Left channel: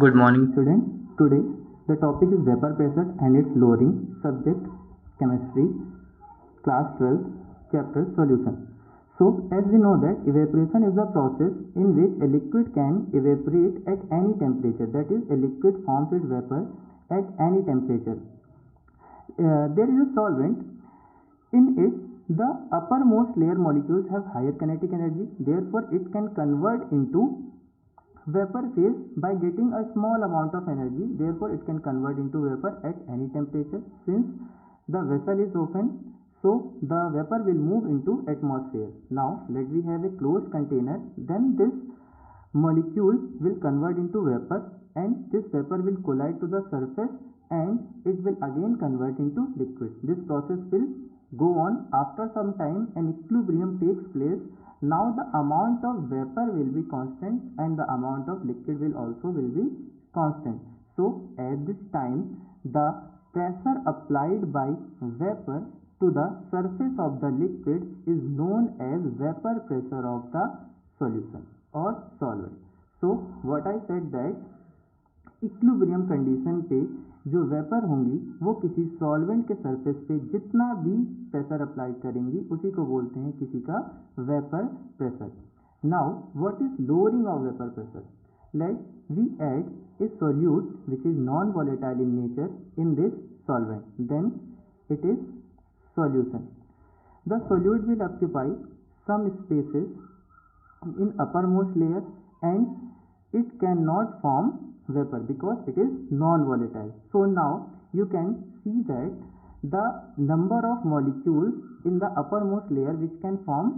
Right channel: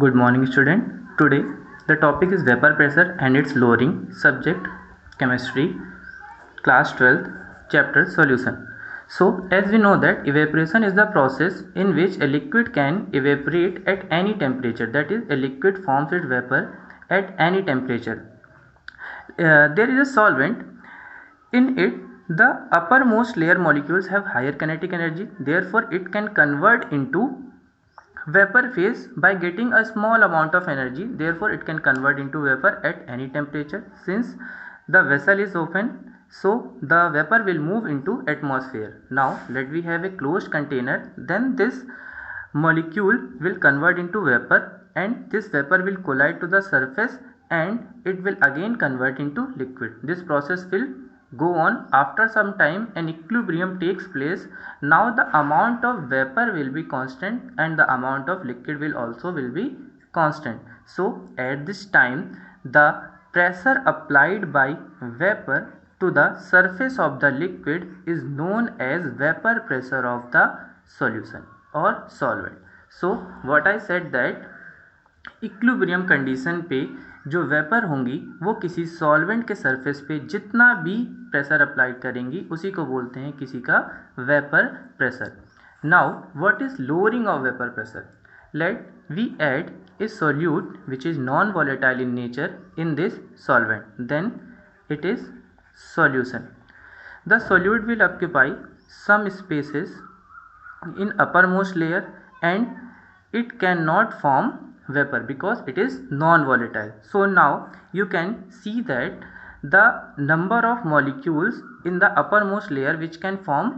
Good morning, student. Today the topic is vapor pressure and its lowering. Subject chemistry, class 12th, chapter solution. So, as we know that evaporation is the process in which a liquid can evaporate at any temperature. That is, a liquid forms its vapor at any temperature. There is a solvent. In it, the uppermost layer molecules have higher kinetic energy. Therefore, it can convert into vapor phase by getting a small amount of energy. Therefore it can convert into vapor at any temperature. Since the vessel is open, so the vapor will move into atmosphere. Now let we have a closed container, then this molecule will convert into vapor and this vapor will collide to the surface and it will again convert into liquid. This process will go on. After some time an equilibrium takes place. Now the amount of vapor will be constant and the amount of liquid will be constant. So at this time the pressure applied by vapor to the surface of the liquid is known as vapor pressure of the solution or solvent. So what I said that equilibrium condition पे जो vapour होंगी वो किसी solvent के surface पे जितना भी pressure apply करेंगी उसी को बोलते हैं किसी का vapour pressure. Now what is lowering of vapour pressure? Let we add a solute which is non volatile in nature in this solvent, then it is solution. The solute will occupy some spaces in uppermost layer and it cannot form vapor because it is non-volatile. So now you can see that the number of molecules in the uppermost layer which can form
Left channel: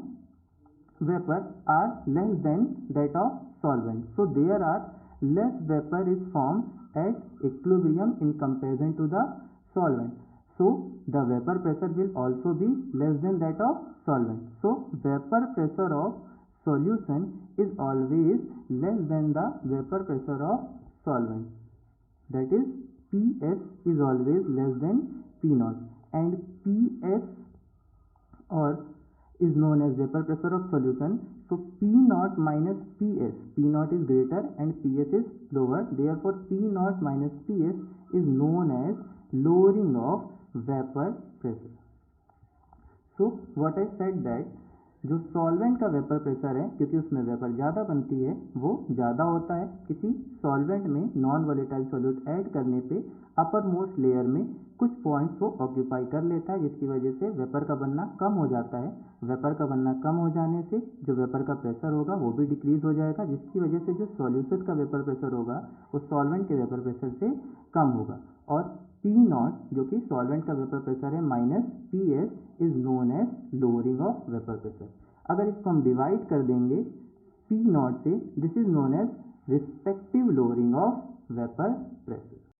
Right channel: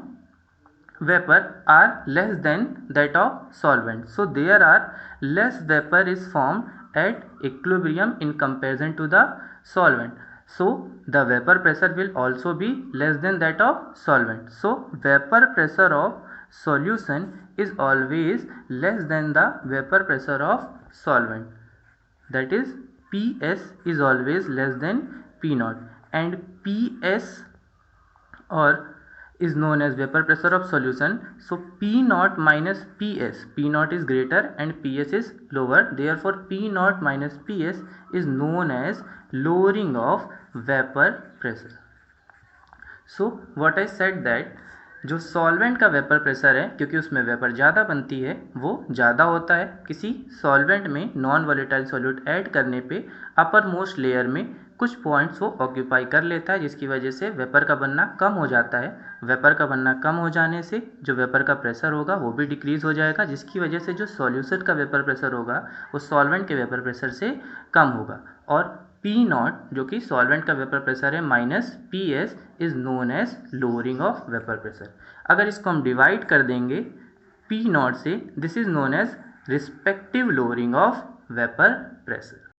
vapor are less than that of solvent. So there are less vapor is formed at equilibrium in comparison to the solvent. So the vapor pressure will also be less than that of solvent. So vapor pressure of solution is always less than the vapor pressure of solvent. That is, PS is always less than P naught, and PS or is known as vapor pressure of solution. So P naught minus PS, P naught is greater and PS is lower. Therefore P naught minus PS is known as lowering of vapor pressure. So what I said that जो solvent का vapour pressure है, क्योंकि उसमें vapour ज़्यादा बनती है, वो ज़्यादा होता है किसी सॉल्वेंट में नॉन वॉलेटाइल सॉल्यूट ऐड करने पे अपर मोस्ट लेयर में कुछ पॉइंट्स वो ऑक्यूपाई कर लेता है, जिसकी वजह से वेपर का बनना कम हो जाता है. वेपर का बनना कम हो जाने से जो वेपर का प्रेशर होगा वो भी डिक्रीज़ हो जाएगा, जिसकी वजह से जो सॉल्यूशन का वेपर प्रेशर होगा वो सॉल्वेंट के वेपर प्रेशर से कम होगा. और P नॉट जो कि सॉल्वेंट का वेपर प्रेशर है minus PS is known as lowering of vapour pressure. अगर इसको हम डिवाइड कर देंगे P नॉट से, this is known as respective lowering of vapour pressure.